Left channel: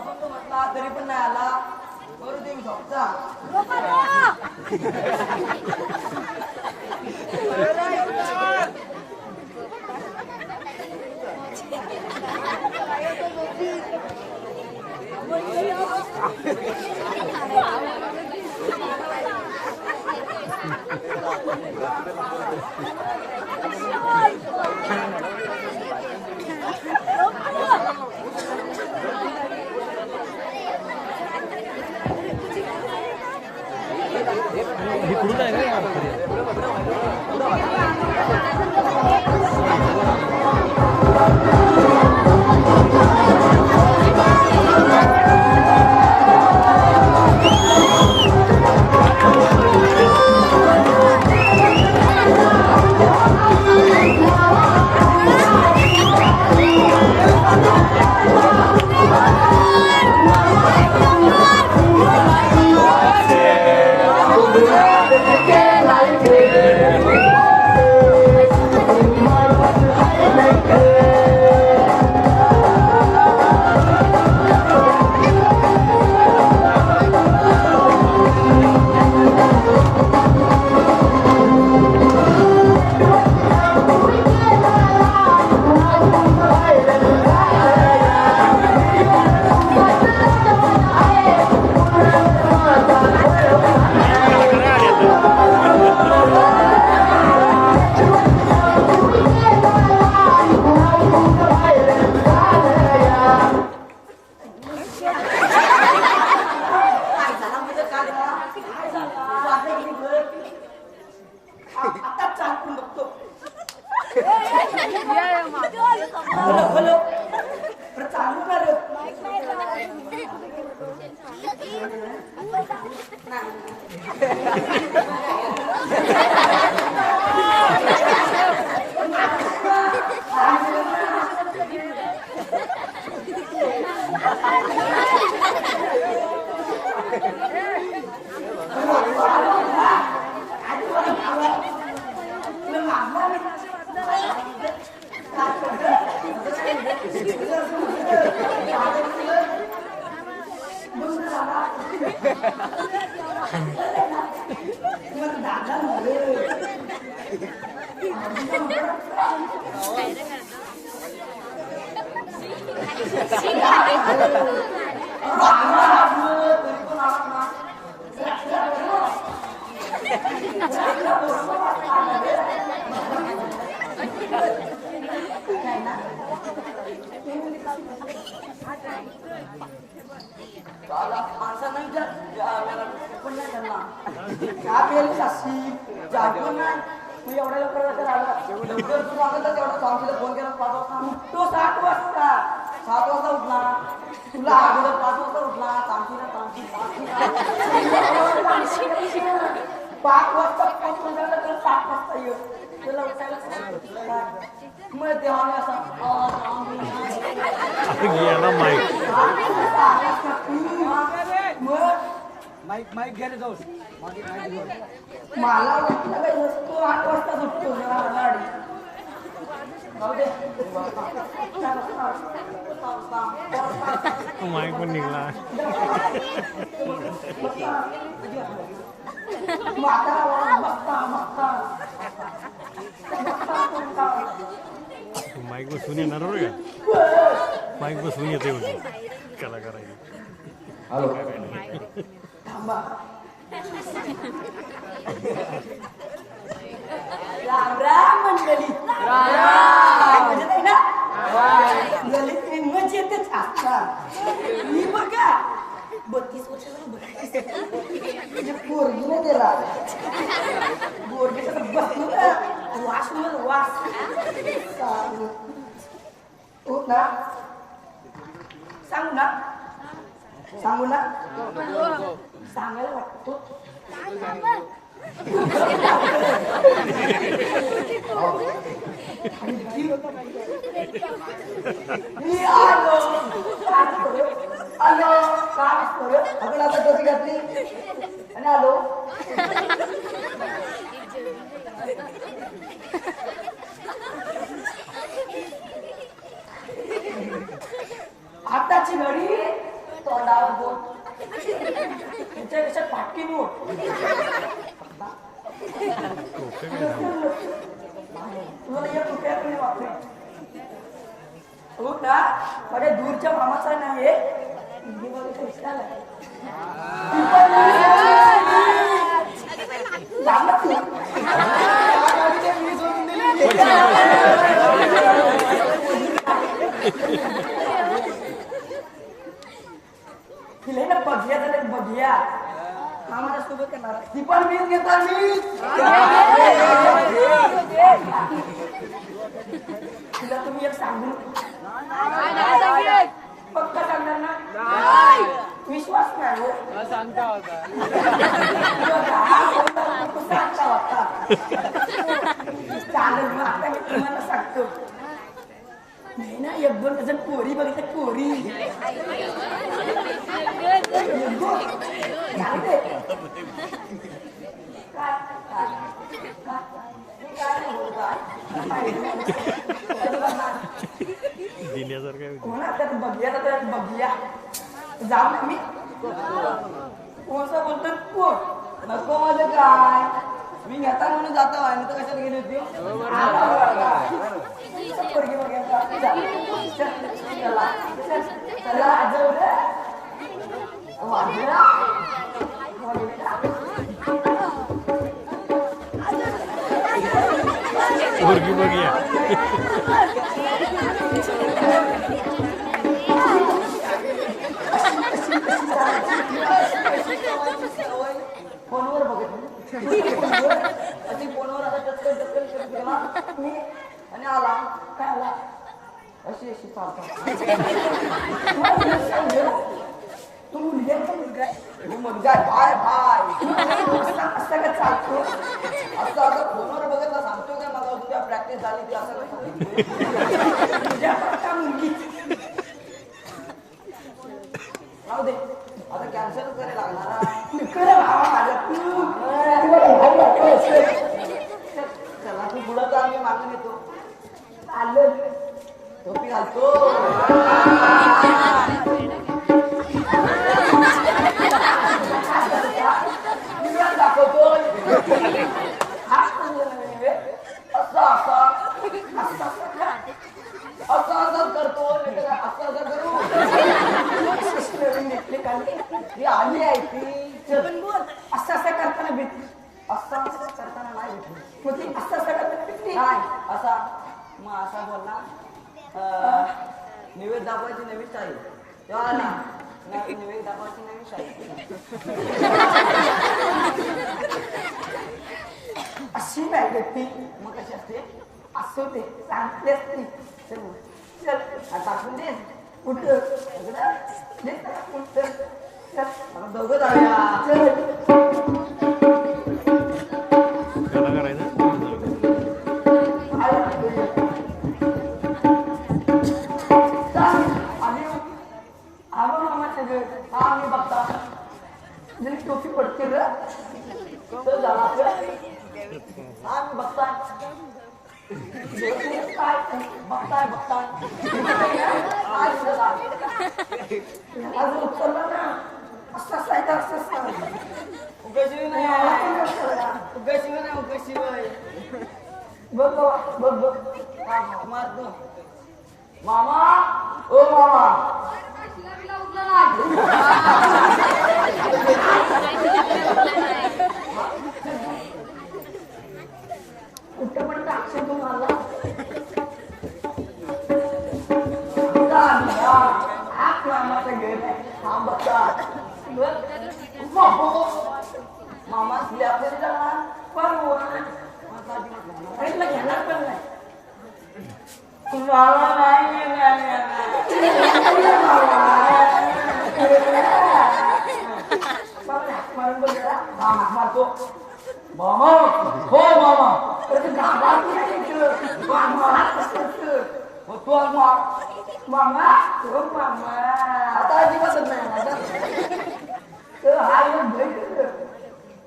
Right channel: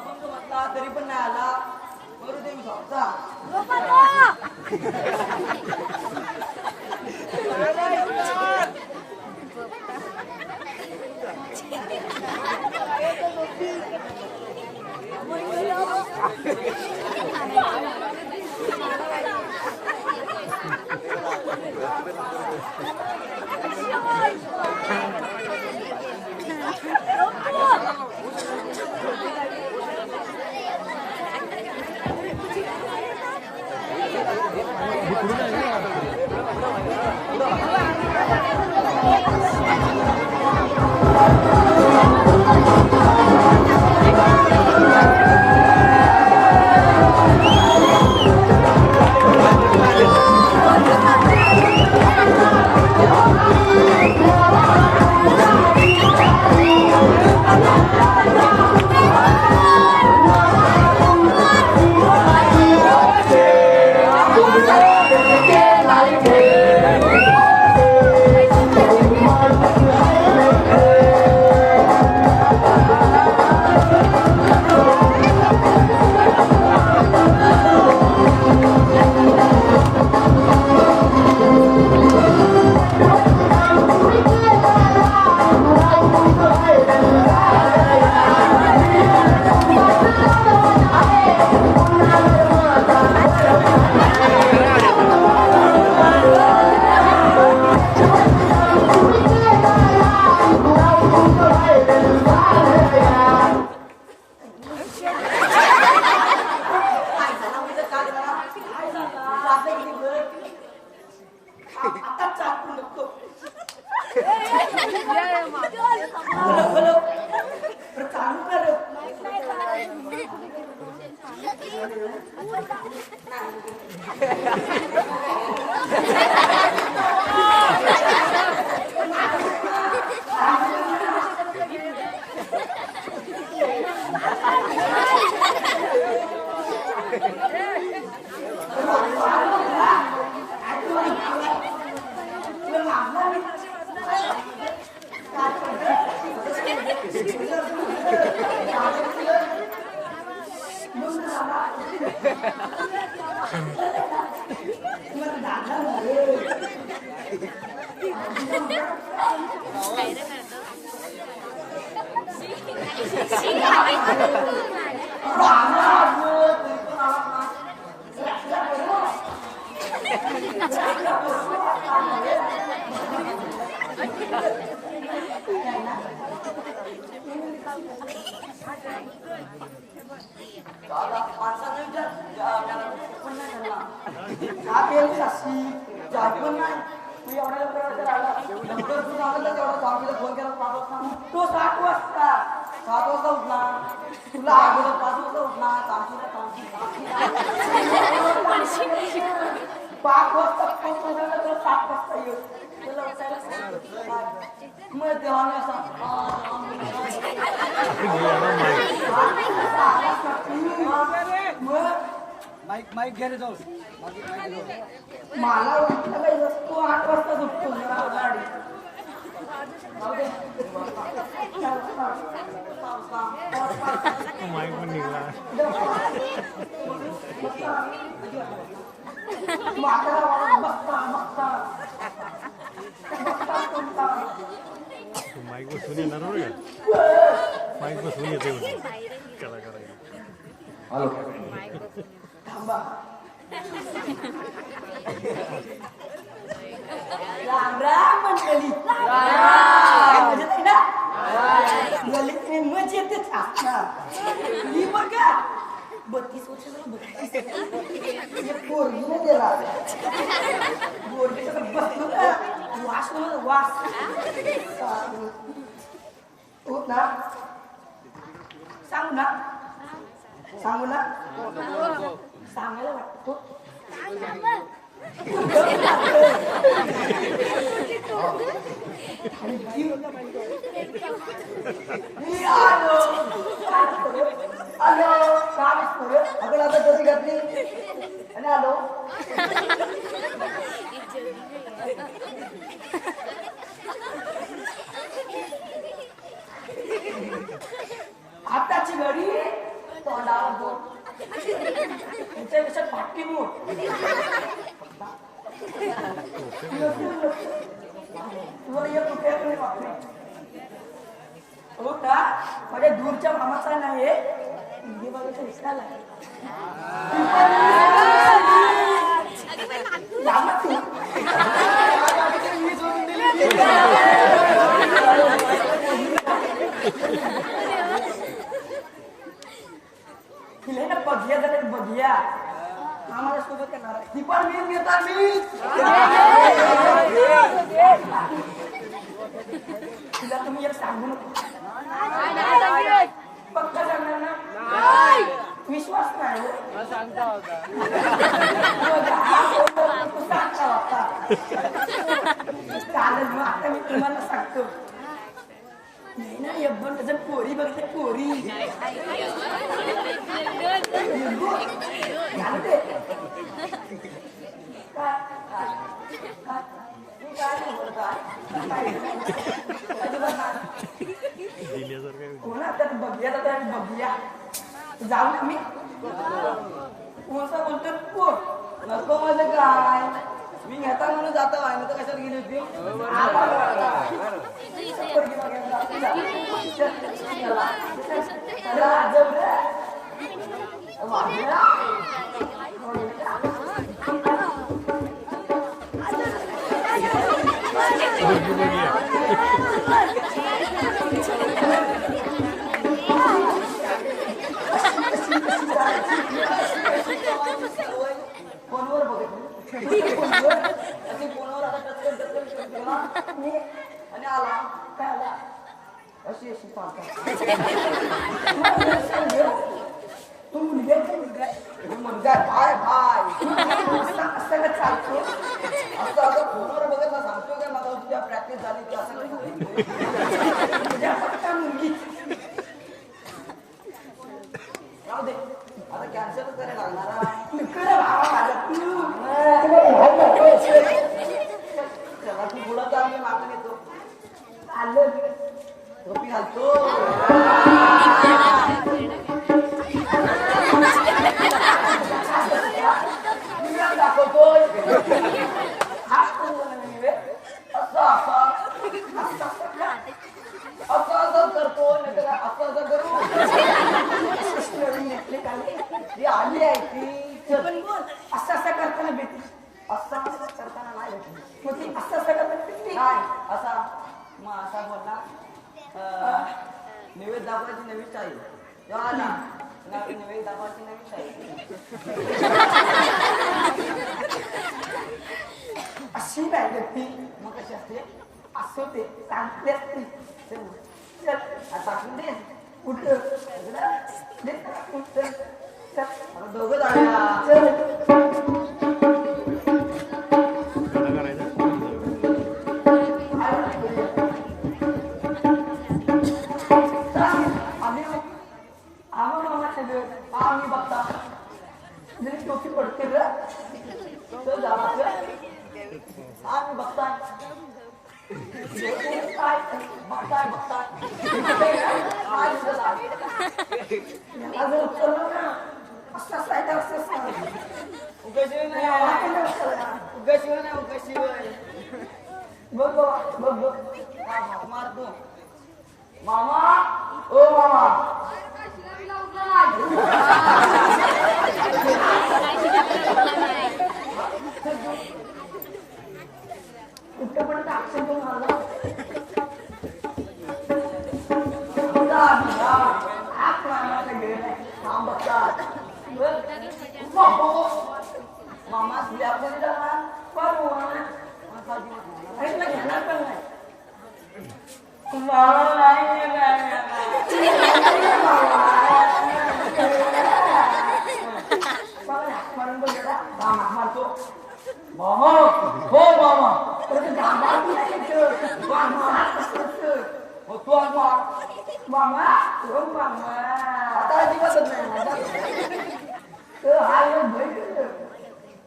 अभंग म्हटला तरी पण नाही आला. बरू दे मी झोपचा. माईक घ्यायला जाऊ मला वाटतं काही वस्तू 8 वाजता झोपतो गाडी माईक पण निघला माईक बसून येणार बरं का माईक बसून येते कलाकार राम राम मंडळी मजेत आहे ना मजेतच असणार मी बघा 32 वर्षाचा बघायचं पोरगीने दिला पोरगीचं बसलो ना वास वास होत ना सांगू ना सांगायला वाटतो मी आलो आपण आता टोपी घातली आणि आलो आताची घडी मला आवडतो त्याच्यापेक्षा फाटकी मोठ तुला एक रुपया पण नाही वापरे तो ना माझ्या दूरच्या मामाचा नाही तिला ना बघिया तर बघिया हा माझ्या सोबत करणार ती पण मीच घेणार मी तिला तुम्ही एक सांगू पक्का सांगणार ना विश्वास नाही सांगता होता चालेल मग आता मी तुम्हाला सांगतो नाही ना एक दोन डझन पोरी बघितल्या पोरी बघूया तर बघूया जाऊ ना मी कोणता बोलतो कोण नको माझं काय मी घेता म्हणून जाता वाय तर कशाला गेली होती फोनवर बघत आणि फोनवर आता आणि आला काय आला अशी अशी चालतो तू मुलगा काय भाय असं का चालतो असं आता फोनवर बघितलं सांगतो का मला तुझ्या प्रॅक्टिस झाली ती असं मुलगी राहू दे आता कॅन्सलच करायला लागणार चला तू पुढं जा आम्ही मागून येतो आलं टोपी घालतो दाखवतोय असं करतो असं करू ती आली आहे ती पण बोल असं असं करताना भेटली असं करताना नाही भेटली असं असं करताना भेटली नाही असा मग असा बोलला निवेद दाखवायची नवी स्टाईल तेव्हा आला निवेद दाखवायची नवी स्टाईल अशी नाही भेटली मग कशी असते असं ते सांगते असते चल टाकून दे कुठं दोघं आम्ही बघता जरी टोपी पडते र आम्ही बघताय बघताय बघताय अजून उचललं ना असं असायचं असं उगाशिवाय नाही उगाशिवाय नाही उगाशिवाय बघ बघ बघ मारतो मामा ओ मामा कुठं पण टाकशील तू मला मामा घेणार पण नाही मला मारतो मामा हो मामा मामा आता अजिबातच नाही हा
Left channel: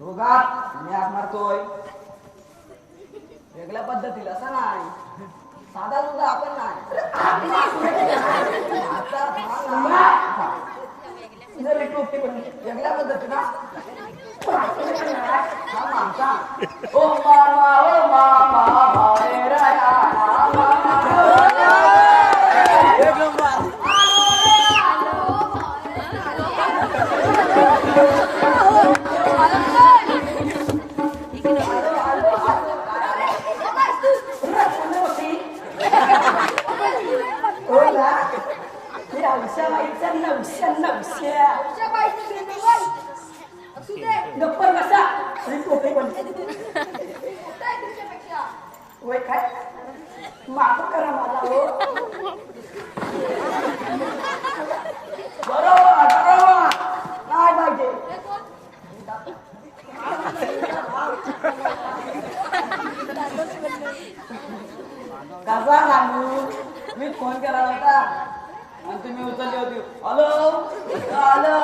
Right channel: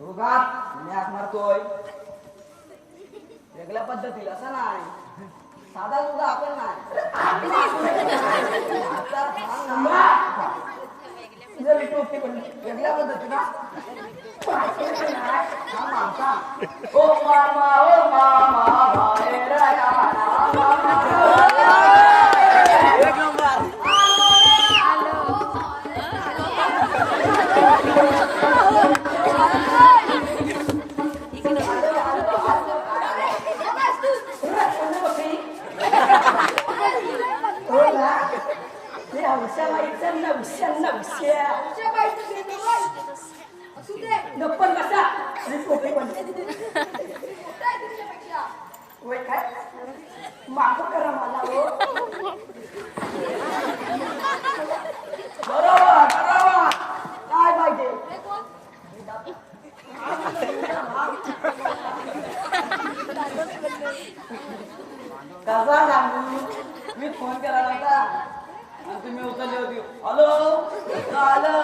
दोघात मी आग मारतोय वेगळ्या पद्धतीला असं नाही साधा सुद्धा आपण नाही वेगळ्या पद्धतीनं ओ मामा बाहेर एक नंबर गप्पर बसा वय काय माफ करा मला हो बरोबर बरोबर काय पाहिजे कसा सांगू मी फोन केला होता आणि तुम्ही उचलली होती हॅलो हॅलो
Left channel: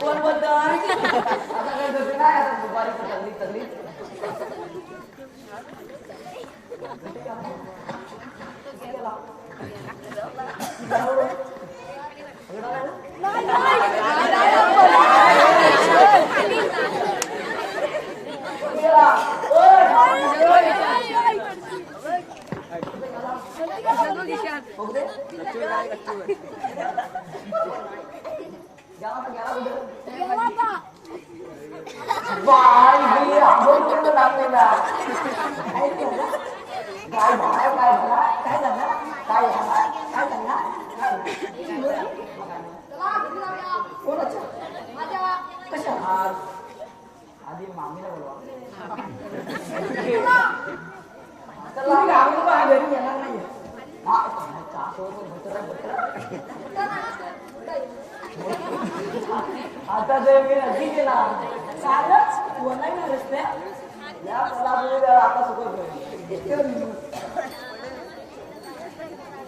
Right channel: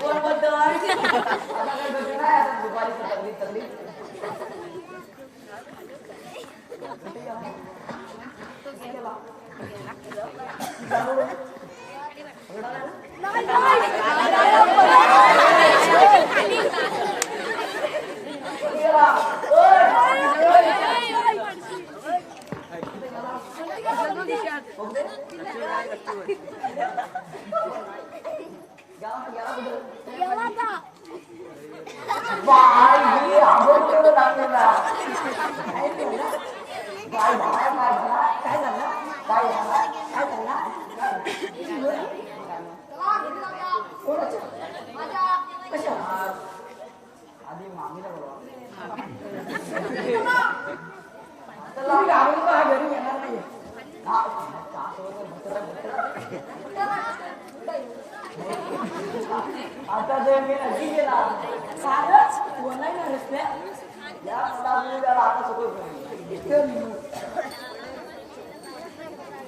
कोण बोलतोय नाही आता दुपारी तगली तगली आधी मामीला बोलवा घरी येणार नाही आता गेला सारच बोलायला रस्ते आता सुख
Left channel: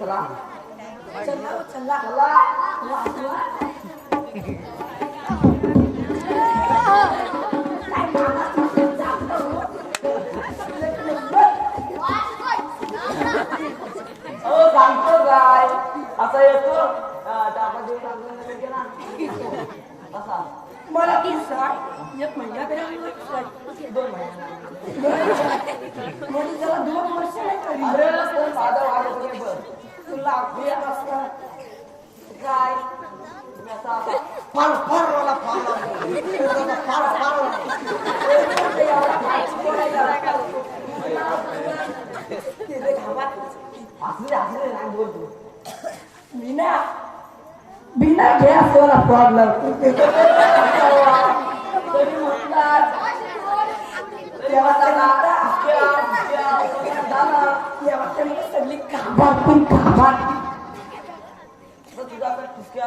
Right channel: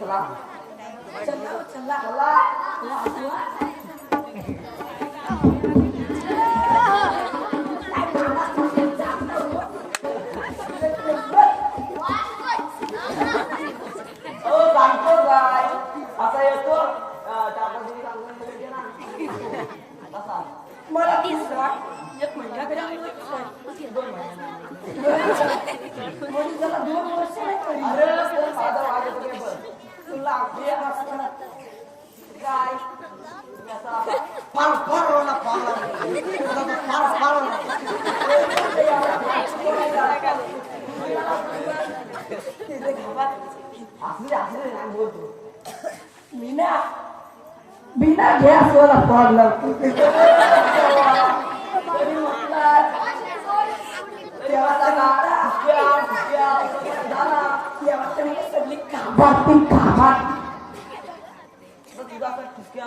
चला चला चला सांगतो काय असं येतो मला एक महिना तरी 2 महिने 2 वर्ष माझा वाढत तुला काय फार फार बोलतो बिना गॅस वाला प्रॉब्लेम तरी म्हटलं सगळी कामात तुझा ठिसक्या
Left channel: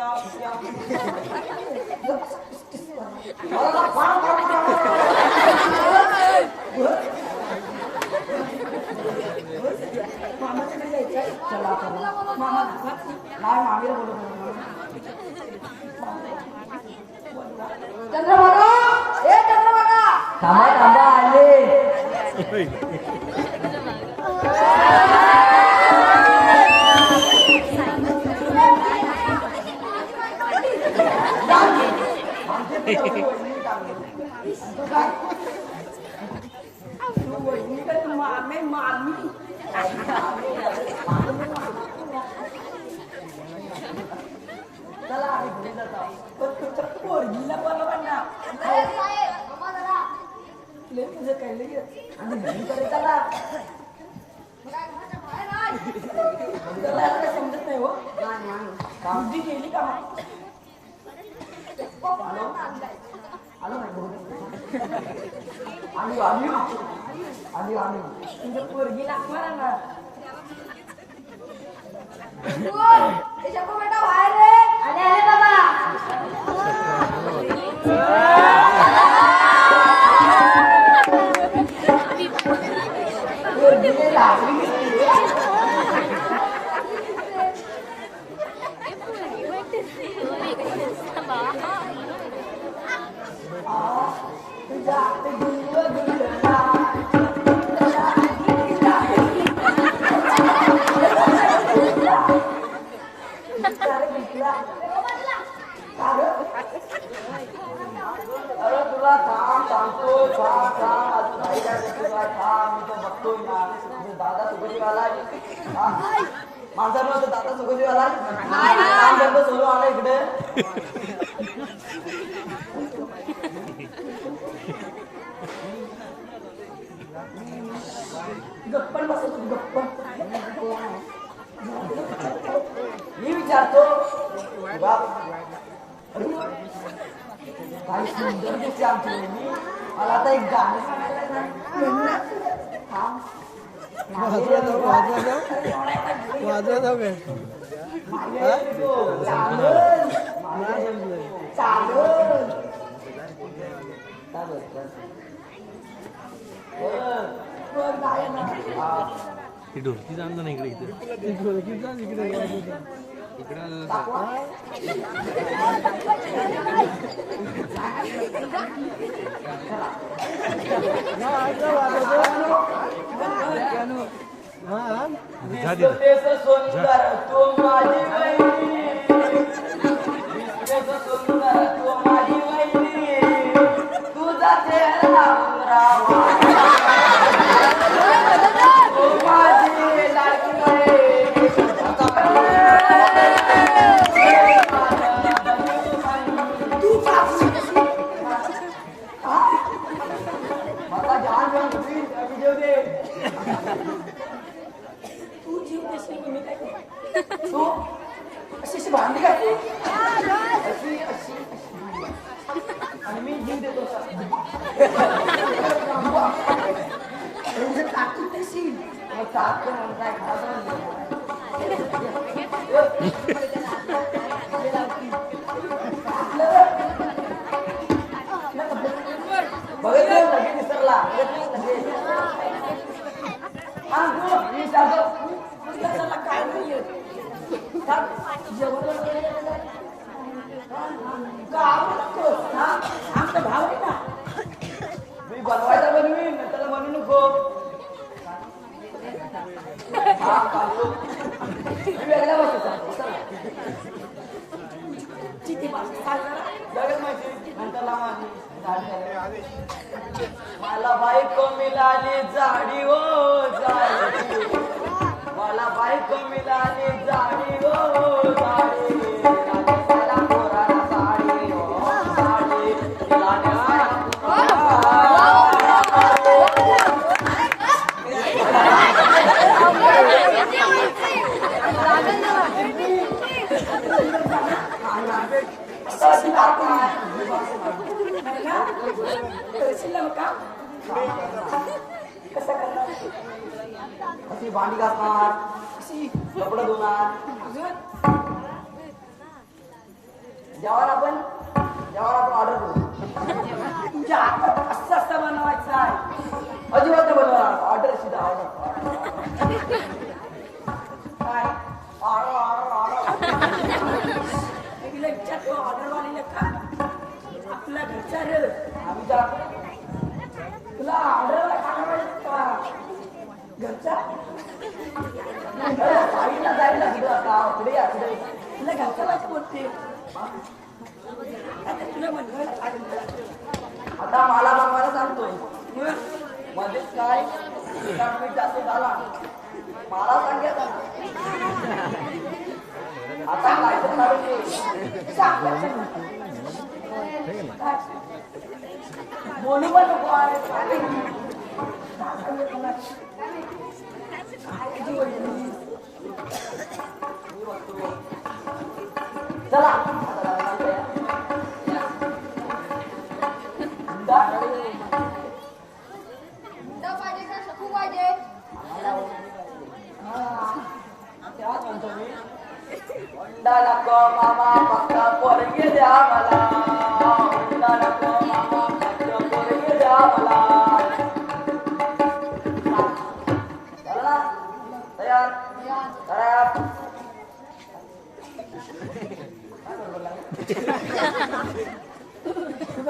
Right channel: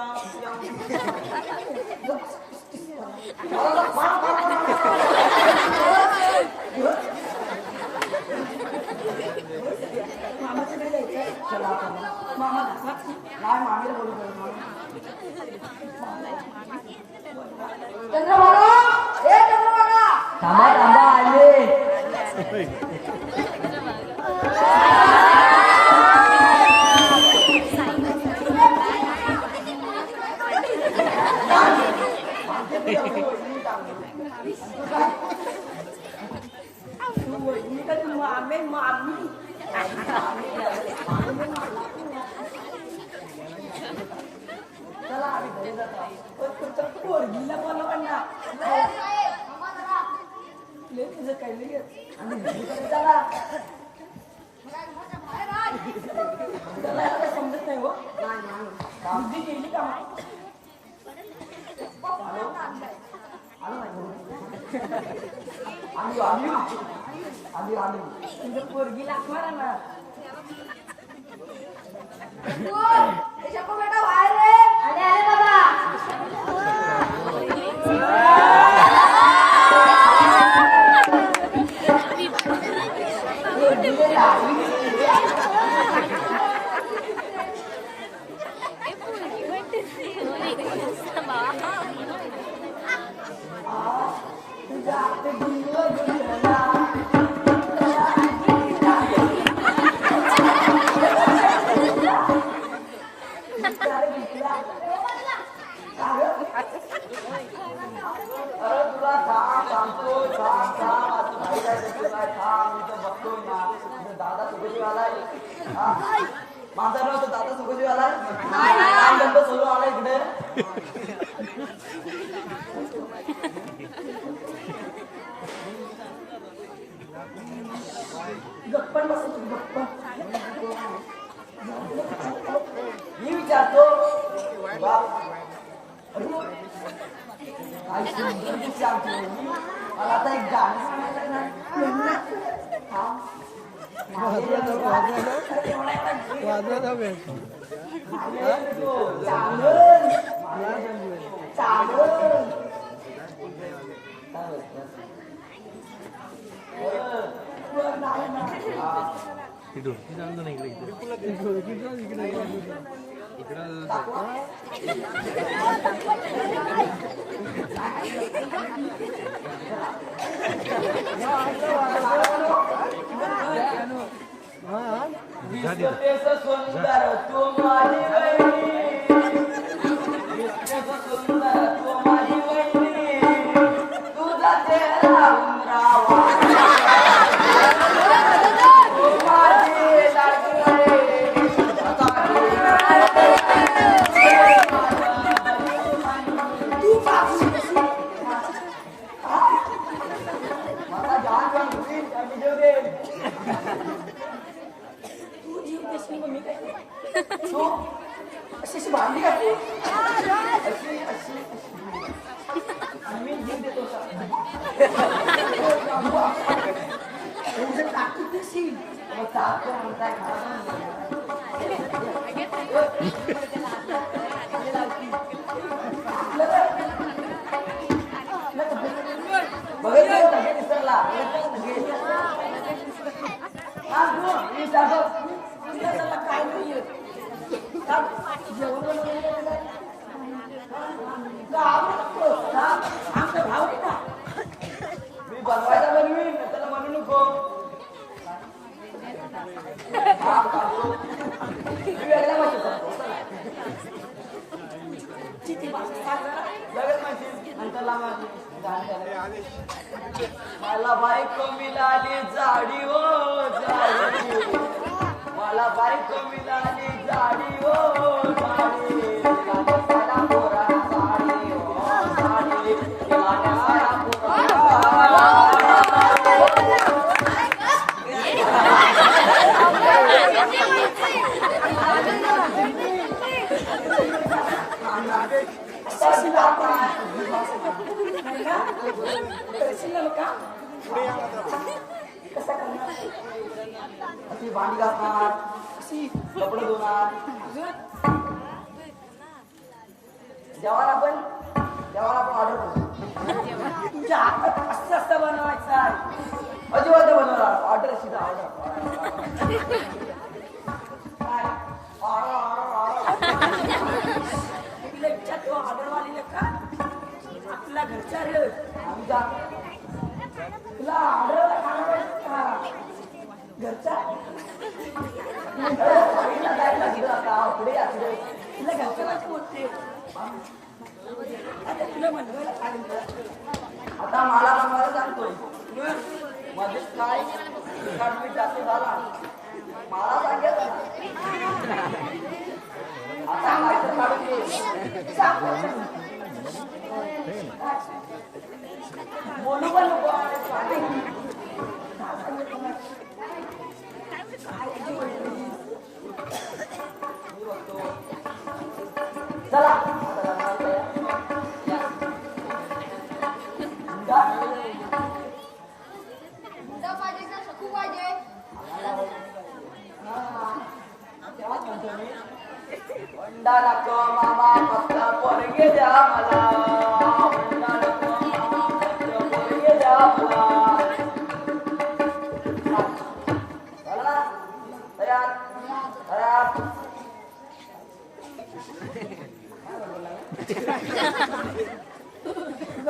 मामाकडे जायचं मामा नाही मामीला बोलत चंद्रभागा हे चंद्रभागा थांबा थांबा आले मामे मामी चला आम्ही घरी जात आहोत पण तुमच्या पोरगीला बोलवा ना लय तुझं काय लगेच आम्ही घरी तरी चला त्याला काय समजत नाही हो बुद्धी केली का मग तुझ्या पोरगी लागणार ना बेटा बाहेर रे आले आले बाबा आता सुखदेव आलाय नाही गंध सोडून आला इकडे गप्पन बसतो गप्प मी विचारतो काय सुंदर दिसते आमची मुलगी. मला आता एक गाणं सांगायला ढोलकी जाणं नाही इकडे सुंदर तू माझी वैरी सुंदर तू माझी वैरी तुझा चेहरा रावा तू माझी लाडकी वैरी तू मला जान जान विजय दे मी काय तू अशी भांडी घातली अशी अशी आणि मी जीव देतो टाकी तशी मग ताप म्हणताय बघितलं लगेच विसरला काय नाही आमचा भाव आहे ना मी बनवायला बनवीन त्याला म्हणू नको वेगळ्या माहिती भाषा सांग जरा लगेच माहिती नंतर मला बायको मिळाली जाडी हो जाडी मला बायको मिळाली जाडी हो जाडी अशी भांडी घासणार अशी कपडे धुणार जेव्हा आपण ऑर्डर करू तुमच्या हातात असं असं बनवायचं आहे अजिबात बनवणार ऑर्डर सीधा ऑर्डर काय तिला विचारतो ऑर्डरवालीला का आपला घरचा रे आम्ही तुला ऑर्डरला खायला पाहिजे का घरचा जायला आता पुढे पुढे तुला घरच्या पाहिजे बोलते आता तुला बनवायला लागेल आता मला बनवायला सांगतोय मध्येच काय मीठ जास्त झाला मला सांगायचं बोलू पण नको चला अंडा नको मामा फक्त पोरगे द्या मला अंडा नको मामा फक्त पोरगे द्या मला झालं ना तयार तयार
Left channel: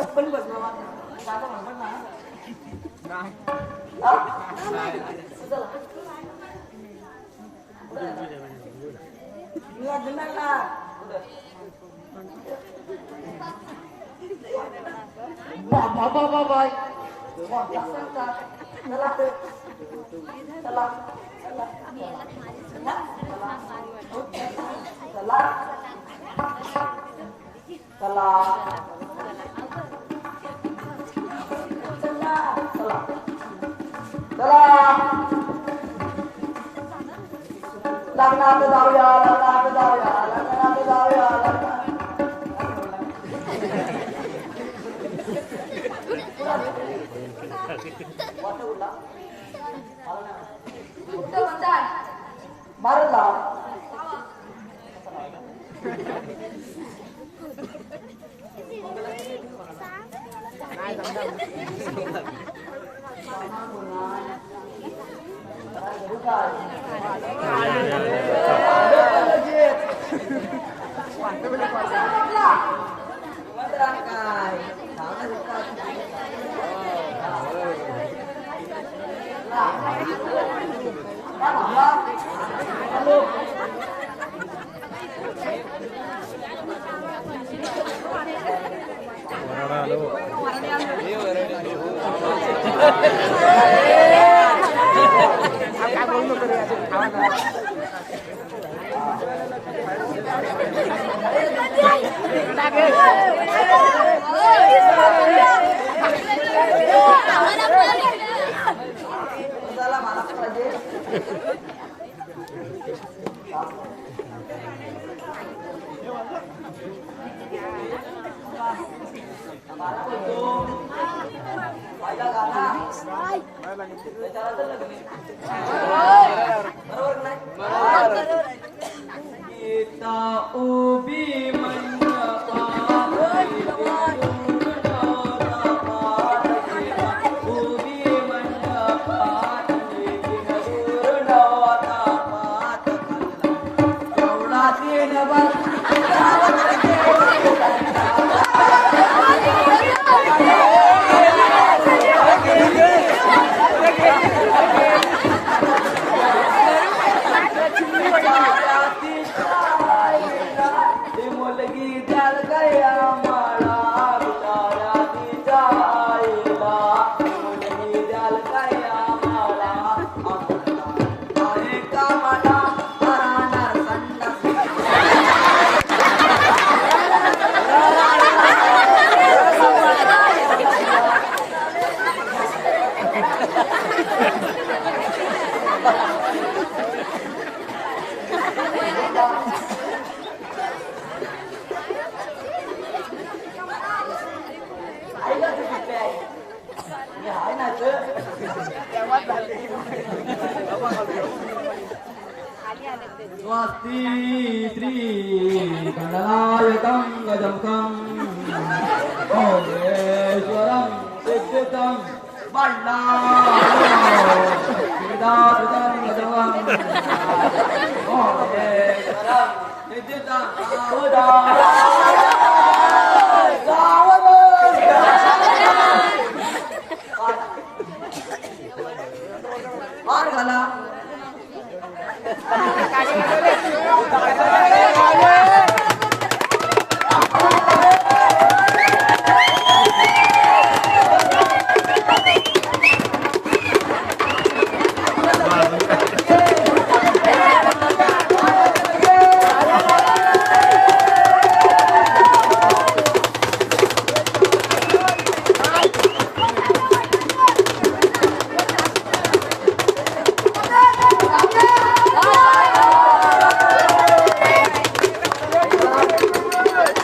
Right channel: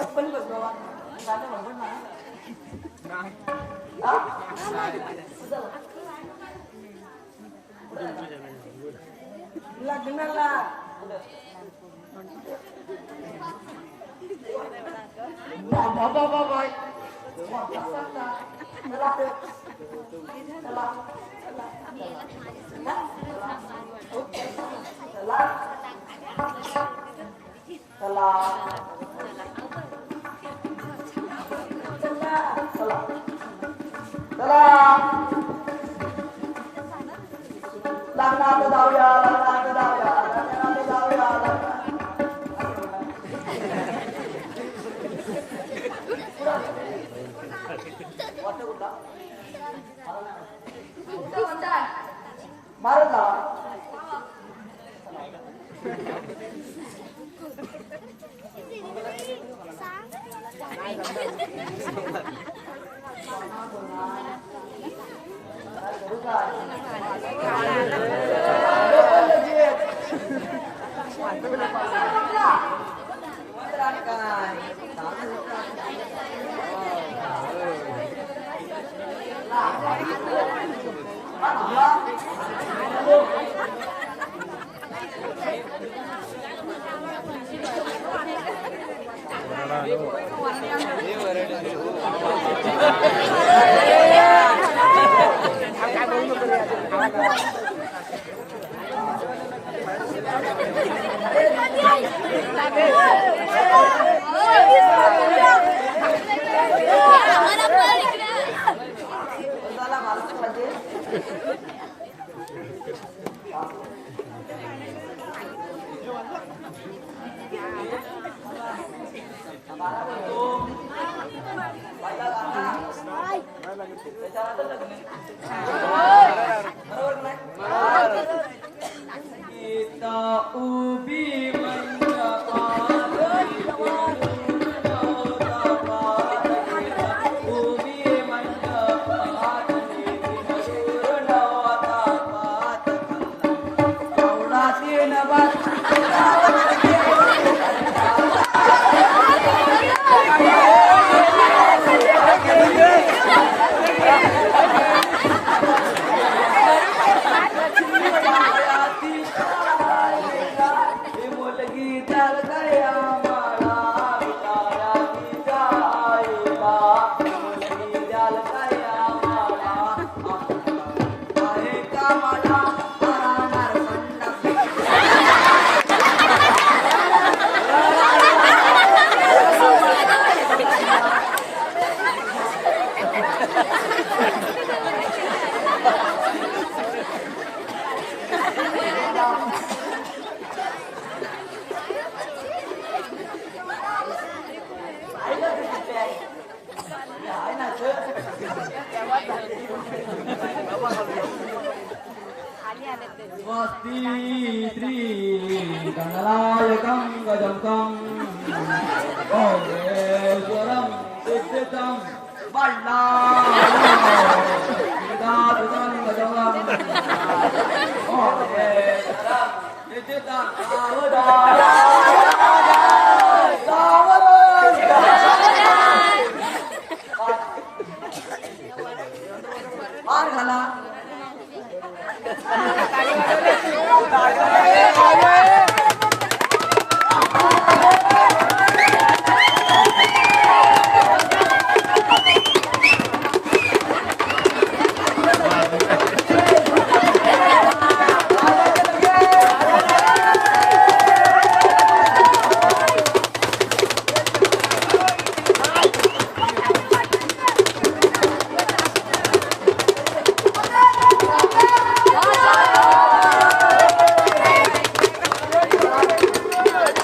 पण बस बाबा गाणं म्हणतो ना लग्नाला बाबा चला चला चला चला चला लग्नात जाऊया लग्नात जाऊया लग्नात जाऊया मारला काय बोलू नको रे उभी स्वस्ति श्री गणनायकं गजमुखं भोगेश्वरं सिद्धितं बल्लादं गजमुखं भोगेश्वरं सिद्धितं और भला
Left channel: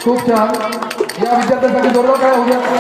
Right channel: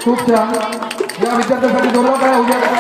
खूप छान या विद्यार्थ्यांसाठी जोरदार काय